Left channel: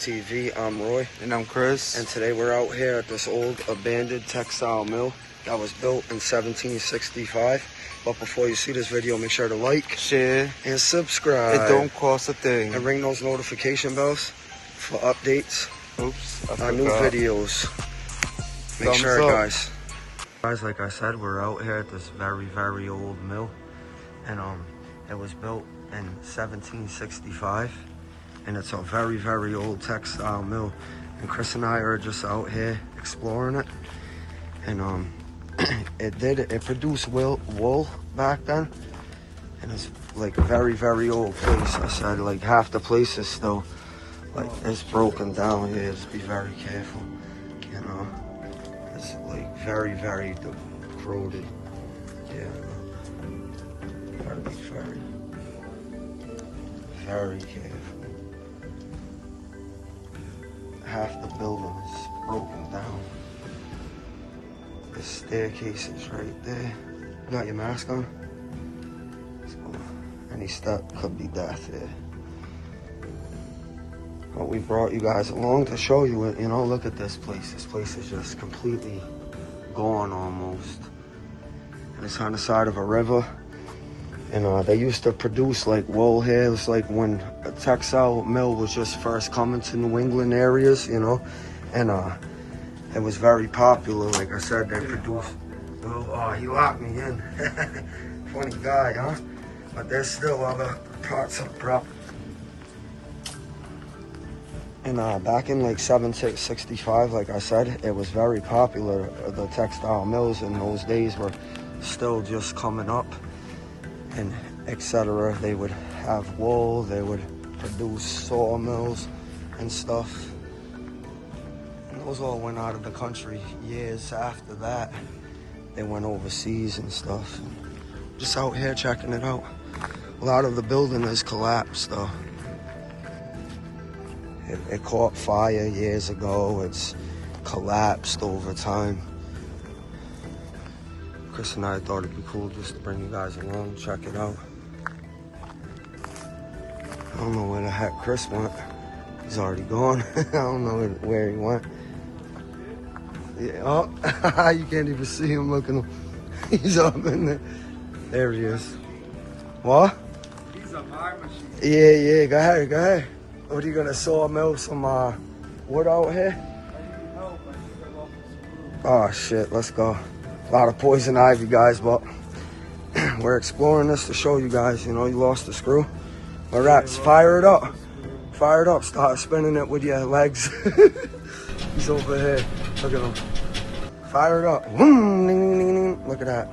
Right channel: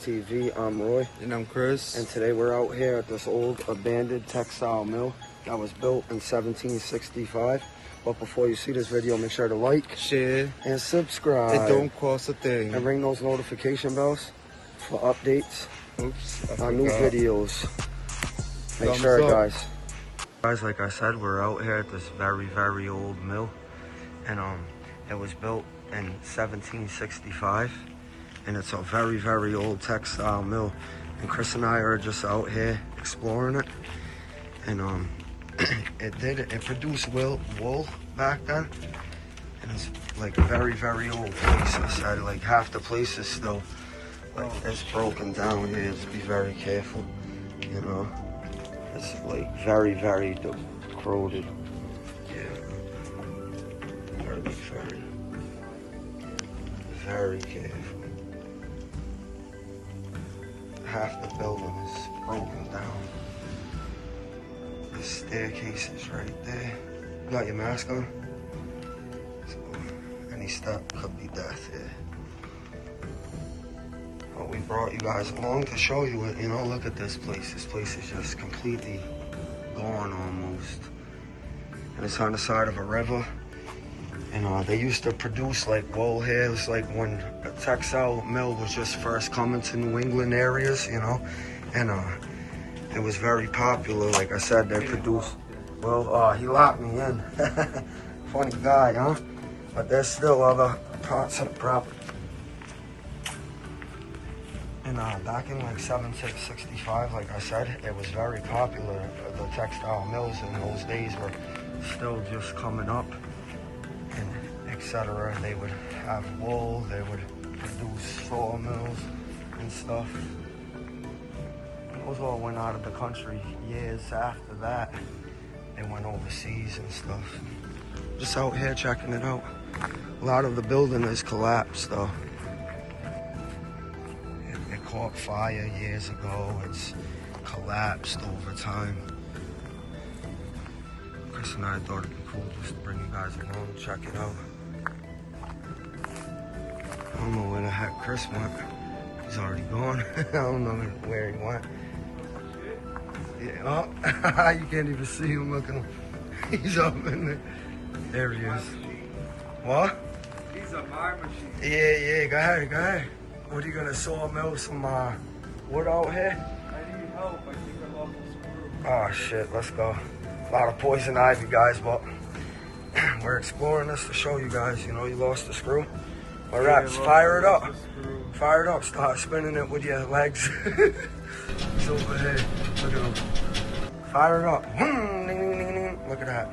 TV. I'm Roy. And I'm Chris. And today we're out here at this old abandoned textile mill that was built in 1765. But before you see this video, make sure to like, share, and subscribe. It don't cost a thing. And ring those notification bells for updates. Oops, on new videos. Make sure, guys. Guys, like I said, we're out here at this very, very old mill. And it was built in 1765. And it's a very, very old textile mill. And Chris and I are just out here exploring it. And it produced wool back then. And it's like a very, very old place. I said like half the place is still like it's broken down here. Just be very careful, you know. It's like very, very corroded. Yeah. You gotta be very, very careful. Half the building is broken down. The staircase is right there. You got your mask on? So any step could be death here. But we brought you guys along to show you it. You know, look at this place. This place is just completely gone almost. And it's on the side of a river. And they used to produce like wool here. It was like when a textile mill was just first coming to New England areas, you know. And it was very popular. Like I said, they produced, well, he locked me in. Funny guy, huh? But there's still other parts of the property. And back in like 1765, like I said, it was very popular. The textile mills in those days were still just coming up, and etc. They would have wool, they would produce sawmills and stuff. And those all went out of the country years after that. They went overseas and stuff. Just out here checking it out. A lot of the building has collapsed though. It caught fire years ago. It's collapsed over time. Chris and I thought it'd be cool just to bring you guys along, check it out. I don't know where the heck Chris went. He's already gone. I don't know where he went. Yeah, oh, you can't even see him. Look at him. He's up in there. There he is. What? These are my machines. Yeah, go ahead. What are you gonna sawmill some wood out here? Oh shit, let's go. A lot of poison ivy, guys, but we're exploring this to show you guys. You know, you lost the screw. Look at that, fire it up. Fire it up, start spinning it with your legs. He's over here, look at him. Fire it up, look at that.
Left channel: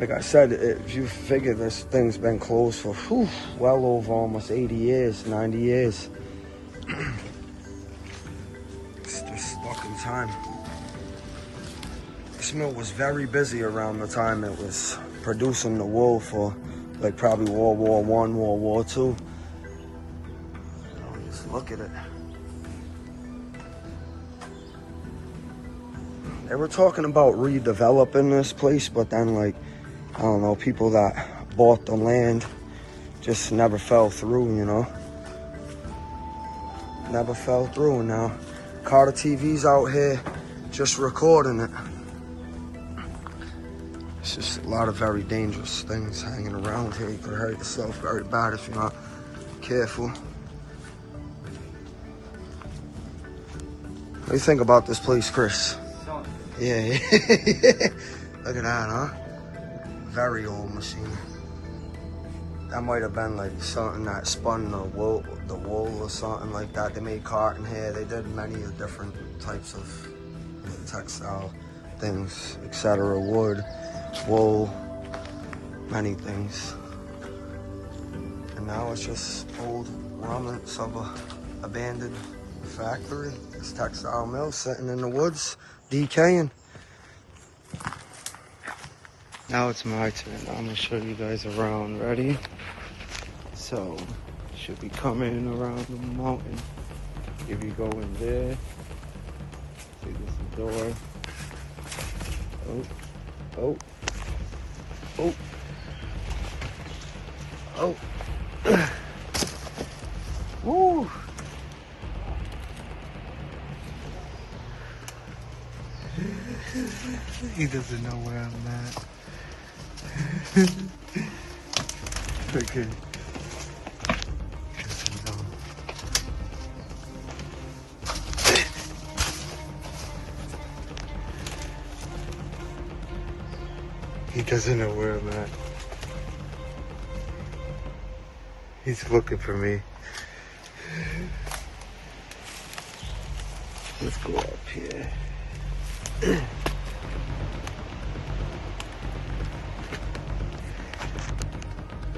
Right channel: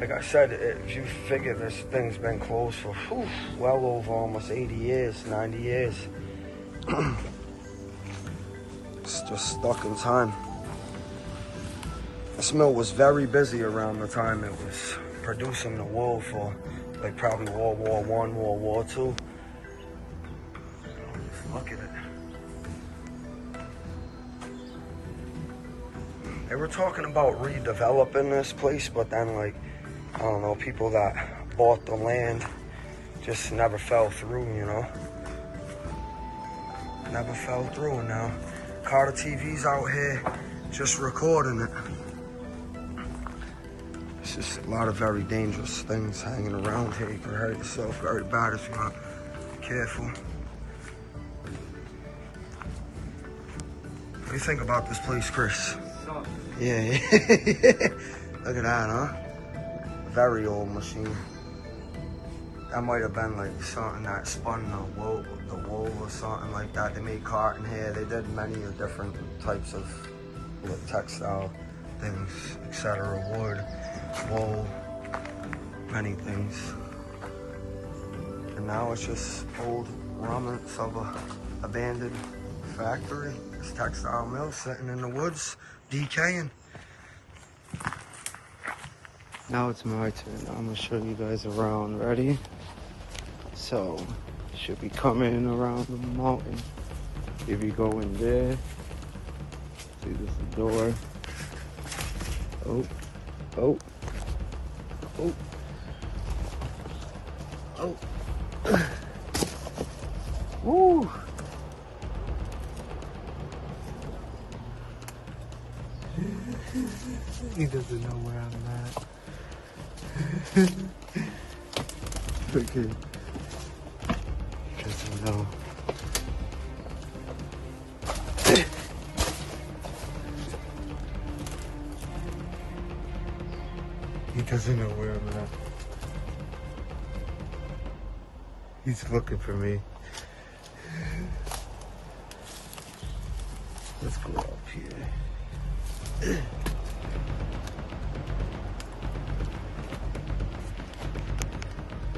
Like I said, if you figure this thing's been closed for well over almost 80 years, 90 years. It's just stuck in time. This mill was very busy around the time it was producing the wool for like probably World War I, World War II. Just look at it. They were talking about redeveloping this place, but then like, I don't know, people that bought the land just never fell through, you know? Never fell through, and now Carter TV's out here just recording it. It's just a lot of very dangerous things hanging around here. You could hurt yourself very bad if you're not careful. What do you think about this place, Chris? Yeah. Look at that, huh? Very old machine. That might have been like something that spun the wool or something like that. They made cotton here. They did many of different types of textile things, etc. Wood, wool, many things. And now it's just old remnants of a abandoned factory. This textile mill sitting in the woods, decaying. Now it's my turn. I'm gonna show you guys around. Ready? So, should be coming around the mountain. If you go in there, see this is the door. Oh. Woo! He doesn't know where I'm at. Okay. Doesn't know. He doesn't know where I'm at. He's looking for me. Let's go up here.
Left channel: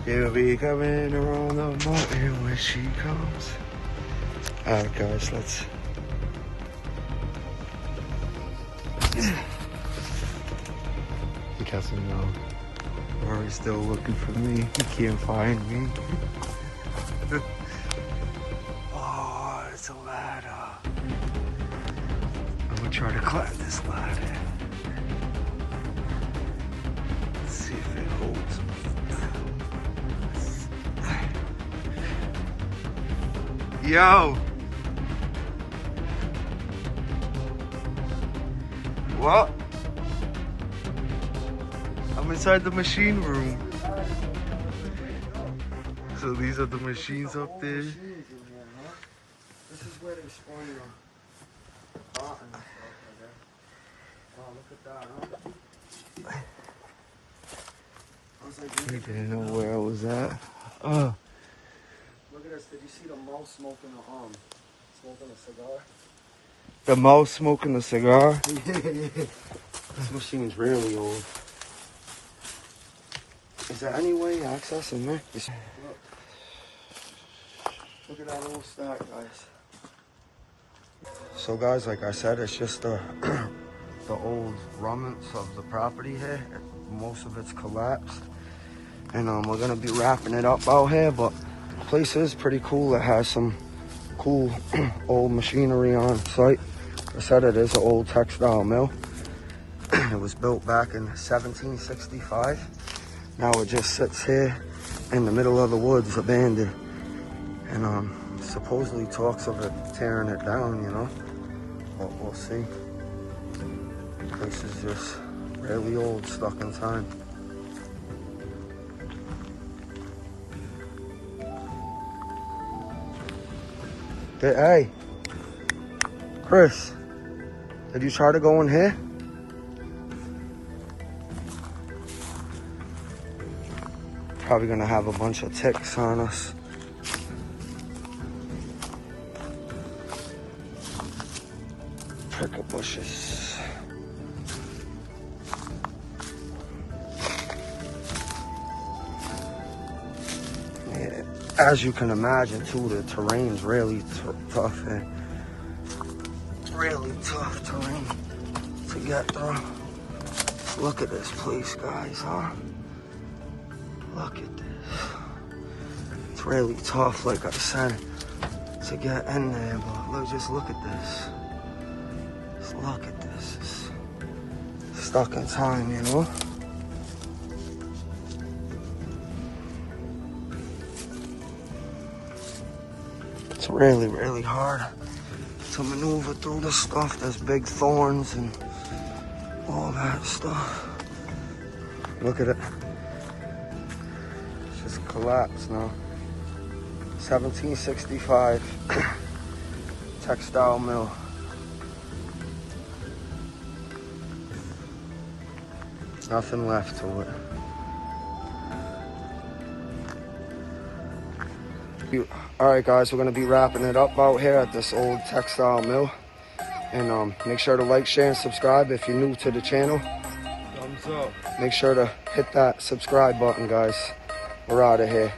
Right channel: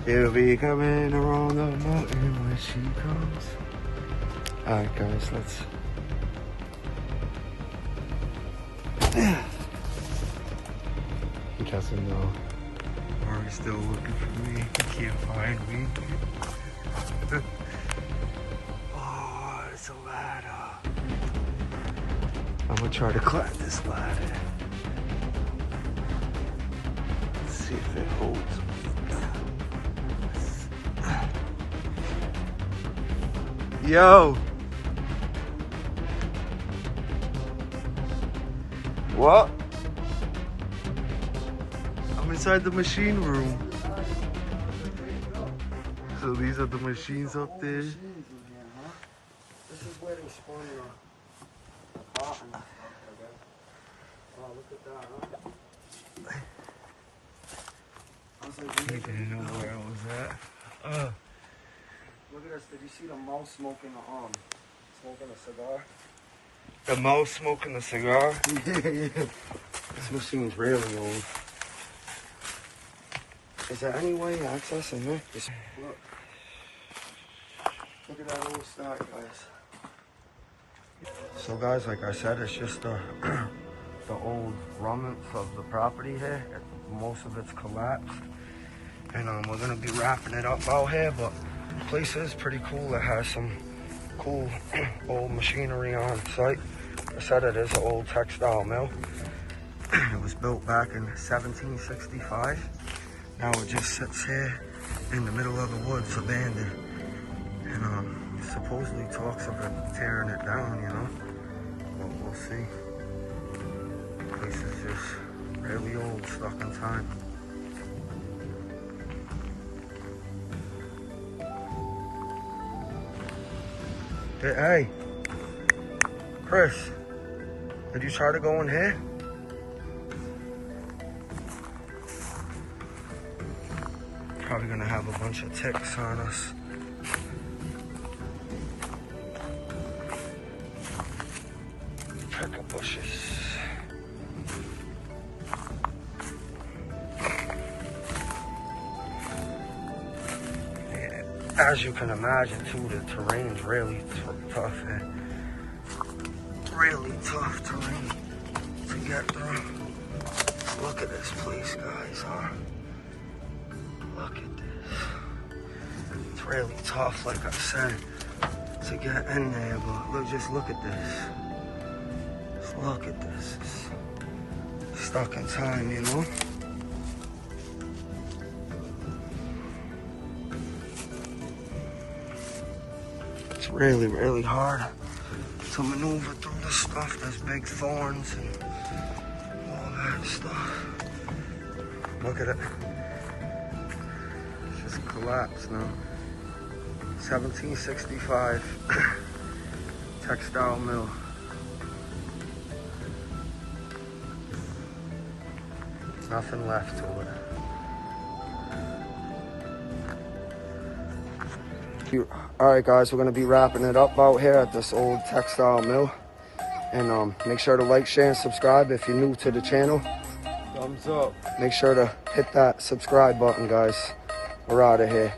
She'll be coming around the mountain when she comes. Alright guys, let's... He doesn't know. Or he's still looking for me. He can't find me. Oh, it's a ladder. I'm gonna try to climb this ladder. Let's see if it holds. Yo! What? I'm inside the machine room. So these are the machines up there. This is where they spawn your bottom. Oh, look at that. I was like, He didn't know where I was at. look at this. Did you see the mouse smoking a cigar? The mouse smoking a cigar? This machine's really old. Is there any way to access in there? Look. Look at that old stock, guys. So guys, like I said, it's just the old remnants of the property here. Most of it's collapsed. And we're gonna be wrapping it up out here, but the place is pretty cool. It has some cool old machinery on site. I said it is an old textile mill. It was built back in 1765. Now it just sits here in the middle of the woods, abandoned. And supposedly talks of it tearing it down, you know. But we'll see. The place is just really old, stuck in time. Hey, Chris, did you try to go in here? Probably gonna have a bunch of ticks on us. Cricket bushes. Yeah, as you can imagine too, the terrain's really tough here. Really tough terrain to get through. Let's look at this place, guys, huh? Look at this. It's really tough, like I said, to get in there, but look, just look at this. Just look at this. It's stuck in time, you know? It's really, really hard to maneuver through this stuff. There's big thorns and all that stuff. Look at it. It's just collapsed now. 1765 textile mill. Nothing left to it. Alright guys, we're going to be wrapping it up out here at this old textile mill. And make sure to like, share, and subscribe if you're new to the channel. Thumbs up. Make sure to hit that subscribe button, guys. We're out of here.